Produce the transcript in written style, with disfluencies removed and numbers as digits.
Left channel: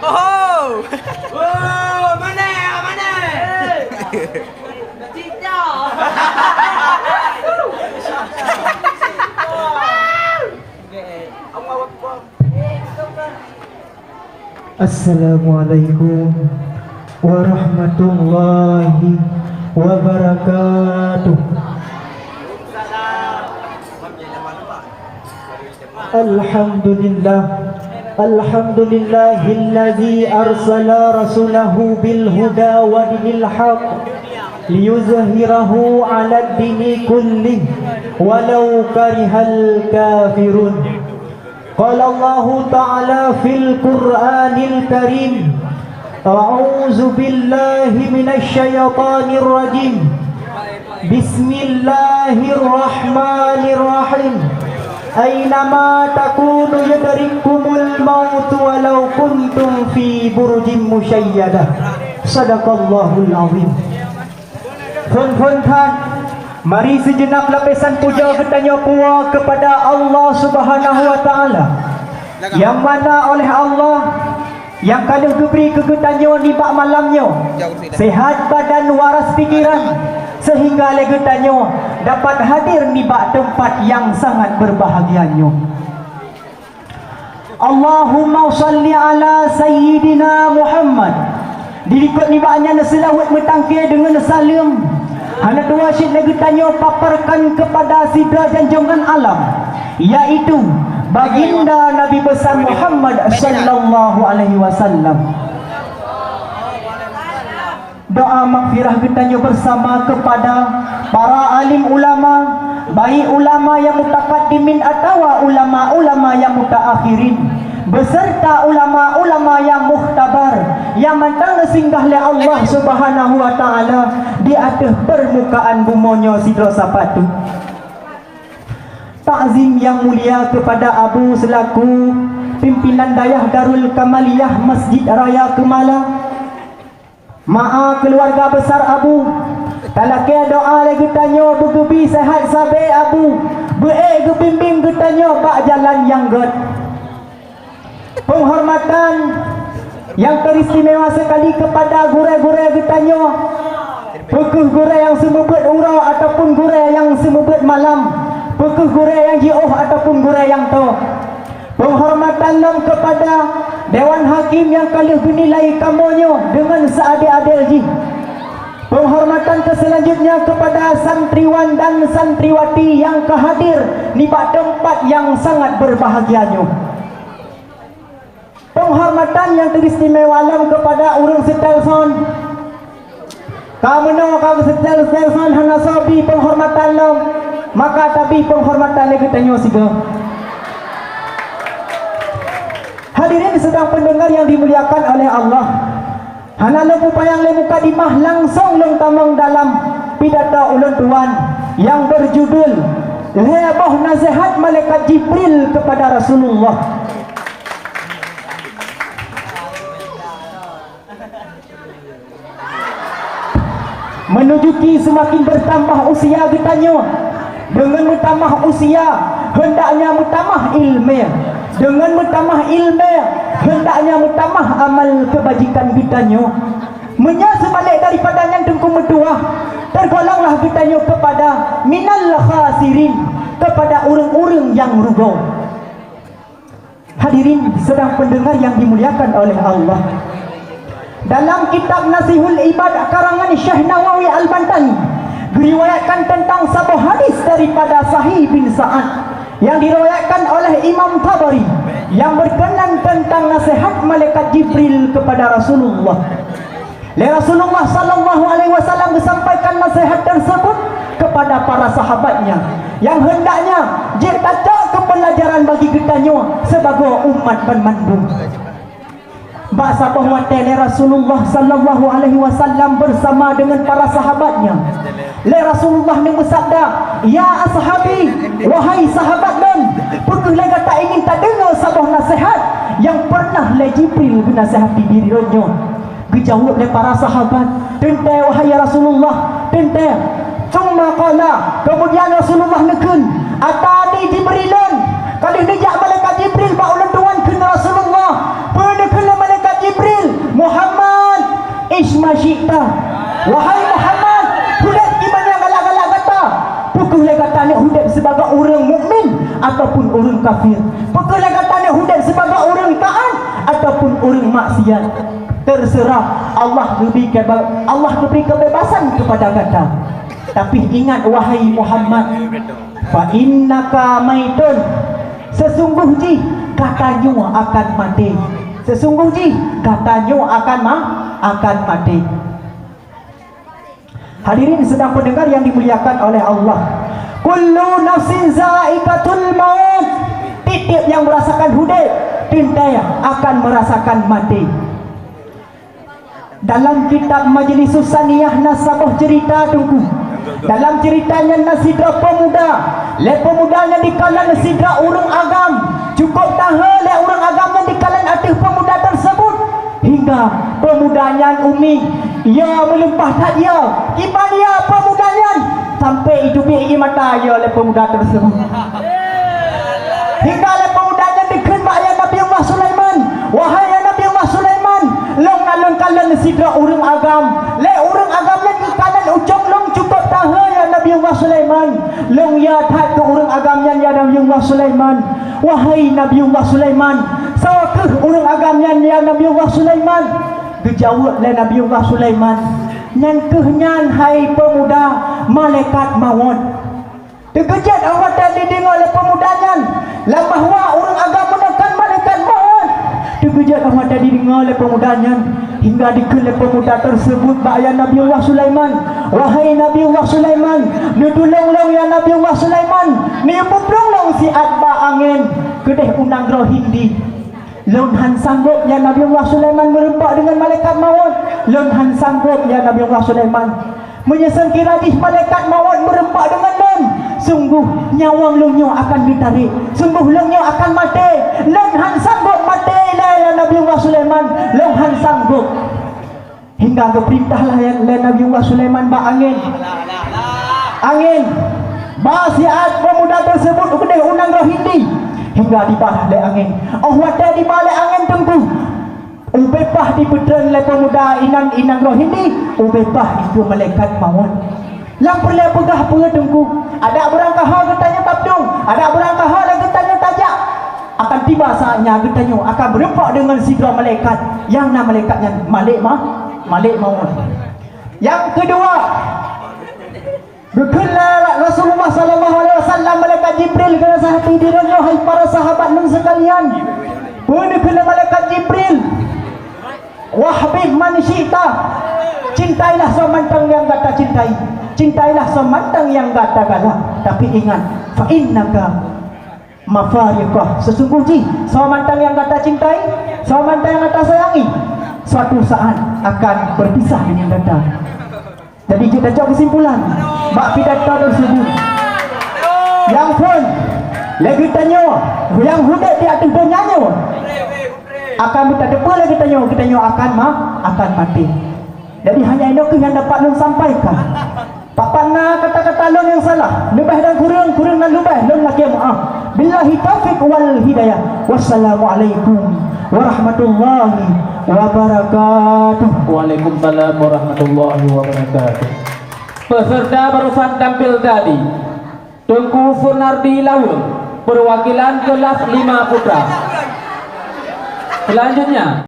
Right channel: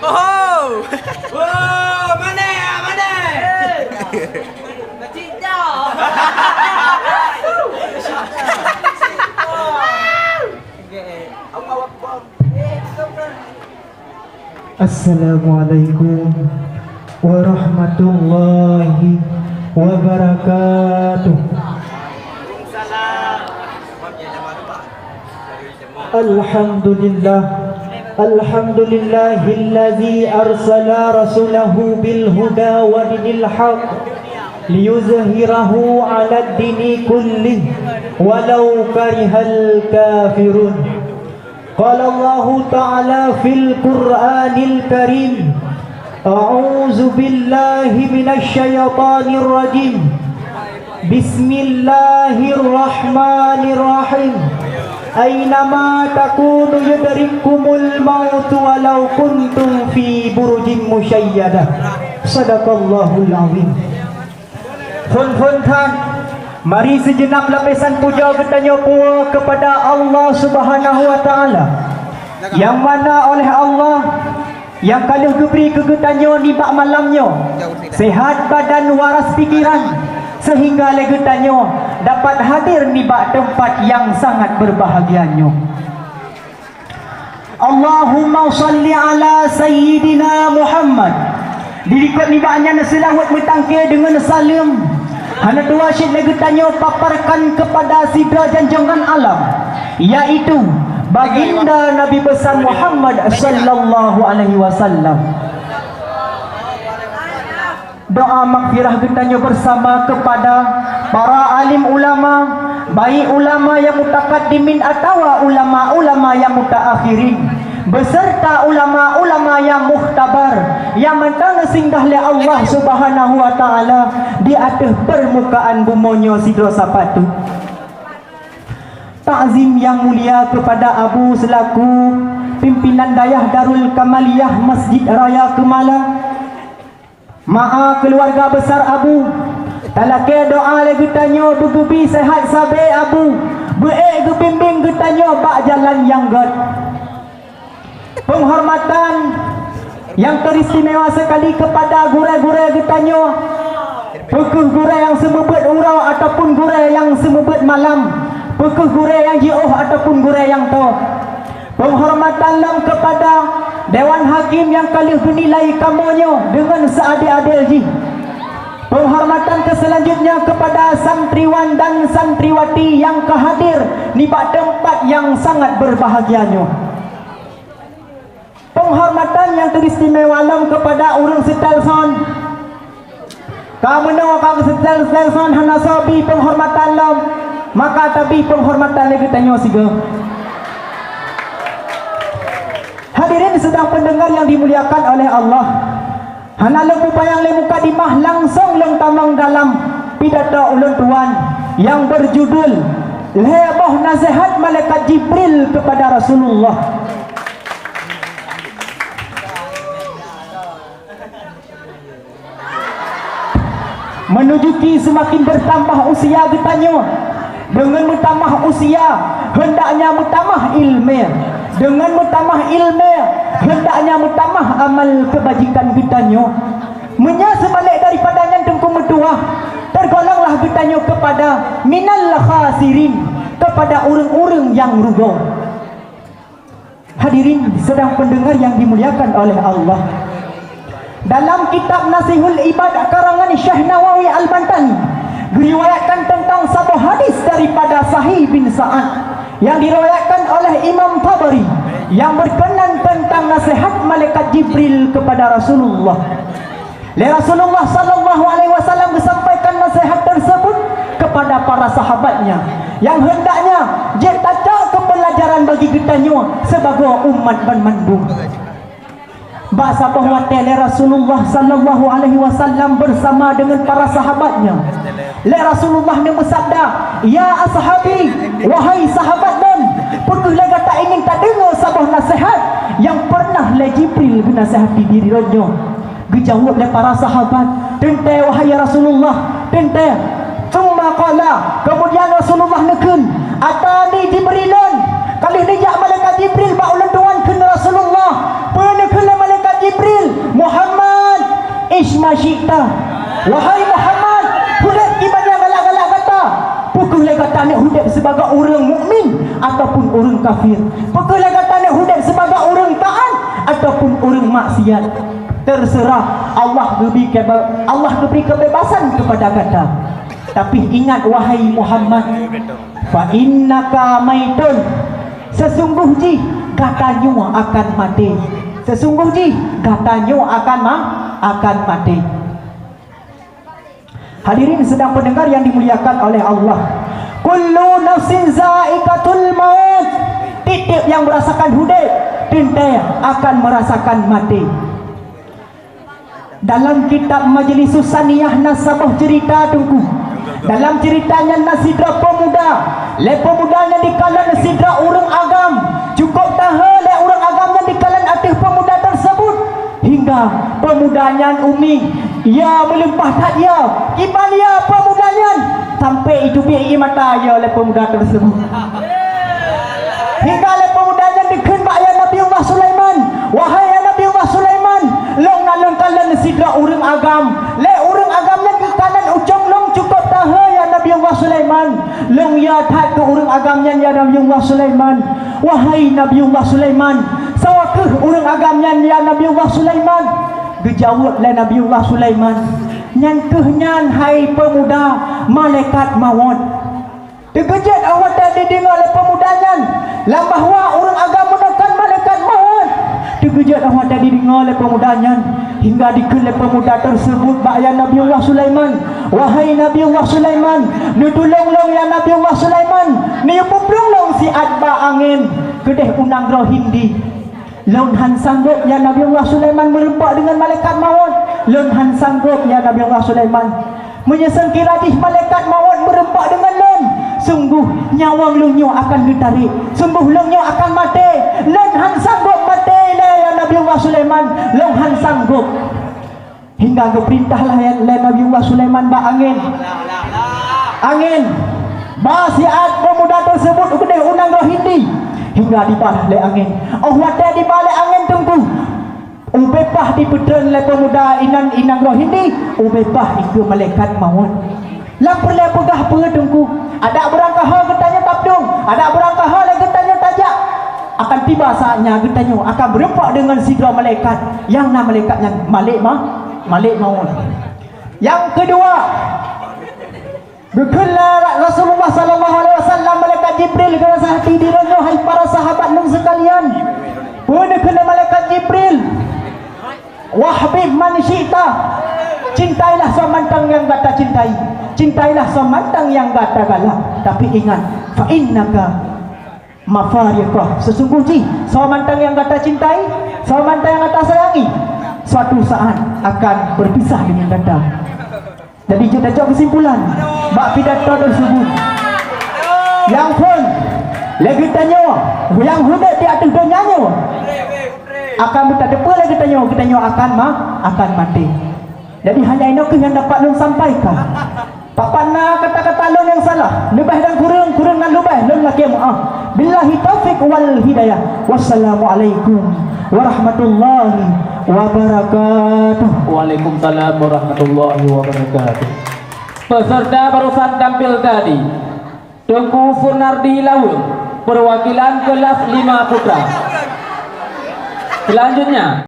Oh. Wow, mana? Cicak. Assalamualaikum warahmatullahi wabarakatuh. Alhamdulillah, alhamdulillahillazi arsala rasulahu bil huda wa dinil haq liyuzhirahu 'ala ad-dini kullih walau karihal kafirun. Qala Allah ta'ala fil Qur'anil Karim, a'udzu billahi minasy syaithanir rajim. Bismillahirrahmanirrahim. Aynama takunu yadrikumul maut walau kuntum fi burujin musyayyadah. Sadaqallahul azim. Fun kan, mari sejenak lapisan puja bertanya puas kepada Allah Subhanahu wa taala, yang mana oleh Allah yang kalau diberi kegetanya di bak malamnya sehat badan waras pikiran, sehingga legetanya dapat hadir di bak tempat yang sangat berbahagianya. Allahumma salli ala sayyidina Muhammad. Dirikut ni baknya selawat bertangkir dengan salam. Hana dua syed legetanya paparkan kepada sidra janjangan alam, yaitu baginda Nabi besar Muhammad sallallahu alaihi wasallam. Doa maghfirah getanya bersama kepada para alim ulama, baik ulama yang mutaqaddimin atau ulama-ulama yang mutaakhirin, beserta ulama-ulama yang mukhtabar, yang mentang singgah oleh Allah Subhanahu wa taala di atas permukaan bumonya sidra sapatu. Takzim yang mulia kepada Abu selaku pimpinan dayah Darul Kamaliyah Masjid Raya Kemala. Ma'a keluarga besar Abu, talakai doa lagi tanya bergebi sehat sabai Abu, beek gebimbing getanya bak jalan yang ged. Penghormatan yang teristimewa sekali kepada gurai-gurai getanya, pekuh gurai yang semebet urau ataupun gurai yang semebet malam, pekuh gurai yang jauh ataupun gurai yang to. Penghormatan lam kepada Dewan Hakim yang kali dinilai kamunya dengan seadil-adilnya. Penghormatan selanjutnya kepada santriwan dan santriwati yang kehadir di tempat yang sangat berbahagianya. Penghormatan yang teristimewa lam kepada orang setelson. Kamu kau setelson hana sabi penghormatan lam, maka tapi penghormatan lagi tanya siga. Hadirin sedang pendengar yang dimuliakan oleh Allah, hana lembu payang lembu kadimah langsung lengtamang dalam pidato ulun tuan yang berjudul Heboh Nasihat Malaikat Jibril kepada Rasulullah. Menujuki semakin bertambah usia ditanya, dengan bertambah usia hendaknya bertambah ilmu. Dengan bertambah ilmu hendaknya bertambah amal kebajikan kitanya. Menya sebalik daripada yang tengku metuah, tergolonglah kitanya kepada minal khasirin, kepada orang-orang yang rugi. Hadirin sedang pendengar yang dimuliakan oleh Allah, dalam kitab Nasihul Ibad karangan Syekh Nawawi Al-Bantani diriwayatkan tentang satu hadis daripada Sahih bin Sa'ad yang diriwayatkan oleh Imam Tabari yang berkenan tentang nasihat malaikat Jibril kepada Rasulullah. Rasulullah sallallahu alaihi wasallam disampaikan nasihat tersebut kepada para sahabatnya yang hendaknya jadi kepelajaran bagi kitanya sebagai umat bermandung. Bahasa bahwa Rasulullah sallallahu alaihi wasallam bersama dengan para sahabatnya. Rasulullah yang bersabda, "Ya ashabi, wahai sahabat dan pernah tak ingin tak dengar sebuah nasihat yang pernah Jibril menasihati dirinya." Dijawab oleh para sahabat, "Tentu wahai Rasulullah, tentu." Cuma kala kemudian Rasulullah neken, "Atani Jibrilan." Kali dia malaikat Jibril baulan tuan ke Rasulullah. Pernah malaikat Jibril orang kafir. Perkara kata hudat sebagai orang taat ataupun orang maksiat, terserah. Allah beri kebebasan kepada kata. Tapi ingat wahai Muhammad, fa innaka maitun, sesungguhnya katanya akan mati. Sesungguhnya katanya akan mati. Hadirin sedang pendengar yang dimuliakan oleh Allah, kullu nafsin za'iqatul maut. Tiap yang merasakan hudat tintai akan merasakan mati. Dalam kitab Majlis Saniyah Nasabah cerita tunggu, dalam ceritanya nasidra pemuda, pemudanya di kalangan sidra orang agam, cukup tahan orang agam yang di kalangan atas pemuda tersebut, hingga pemudanya umi ia melimpah tak ia kiban ia pemudanya sampai itu biaya mata ia oleh pemuda tersebut, hingga oleh pemudanya dikembak ya Nabi Allah Sulaiman, wahai Nabi Allah Sulaiman, long alun kalangan sidra orang agam, orang agam lagi kanan ucap long cukup tahan ya Nabi Allah Sulaiman, long ya tak ke orang agamnya ya Nabi Allah Sulaiman, wahai Nabi Allah Sulaiman, sawakah orang agamnya ya Nabi Allah Sulaiman? Dijawablah Nabi Allah Sulaiman, nyan hai pemuda malaikat maut. Terkejut awak tadi dengar oleh pemudanya lah bahawa orang agama menekan malaikat maut. Terkejut awak tadi dengar oleh pemudanya, hingga dikelep pemuda tersebut ba'ya Nabi Allah Sulaiman, wahai Nabi Allah Sulaiman, ni tolong ya Nabi Allah Sulaiman, ni puplong si adba angin kedeh unang roh hindi. Lonhan sanggup ya Nabi Allah Sulaiman merempak dengan malaikat maut. Lonhan sanggup ya Nabi Allah Sulaiman menyesengkira di malaikat maut merempak dengan lon. Sungguh nyawang lonyo akan ditarik, sungguh lonyo akan mati. Lonhan sanggup mati ya Nabi Allah Sulaiman, lonhan sanggup. Hingga keperintahlah ya Nabi Allah Sulaiman ba angin basiat pemuda tersebut udah unang roh hindi, hingga dibalik angin. Oh wadah dibalik angin tunggu. Ubepah di pedang le pemuda inang roh hindi, ubepah itu malaikat maut. Lapor le pegah apa tunggu. Ada berangkah hal getanya tabdung, ada berangkah hal getanya tajak. Akan tiba saatnya getanya akan berempak dengan sidra malaikat, yang nama malaikatnya Malik maut. Yang kedua, berkelah Rasulullah sallallahu alaihi wasallam malaikat Jibril kena sahati dirinya, hai para sahabat dan sekalian. Berkelah malaikat Jibril, wahbib man syi'ta, cintailah semantang yang kata cintai, cintailah semantang yang kata galak. Tapi ingat, fa innaka mafariqah, sesungguhnya semantang yang kata cintai, semantang yang kata sayangi, suatu saat akan berpisah dengan kata. Jadi kita coba kesimpulan bak pidato tersebut. Yang pun lagi tanya, yang hudat di atas dunianya akan minta depa lagi tanya akan mati. Jadi hanya itu yang dapat long sampaikan. Pak Pana kata-kata long yang salah, lebih dan kurang dan lebih long lagi maaf. Billahi taufiq wal hidayah. Wassalamualaikum warahmatullahi wabarakatuh. Waalaikumsalam warahmatullahi wabarakatuh. Peserta barusan tampil tadi Tengku Furnardi Laul, perwakilan kelas 5 putra. Selanjutnya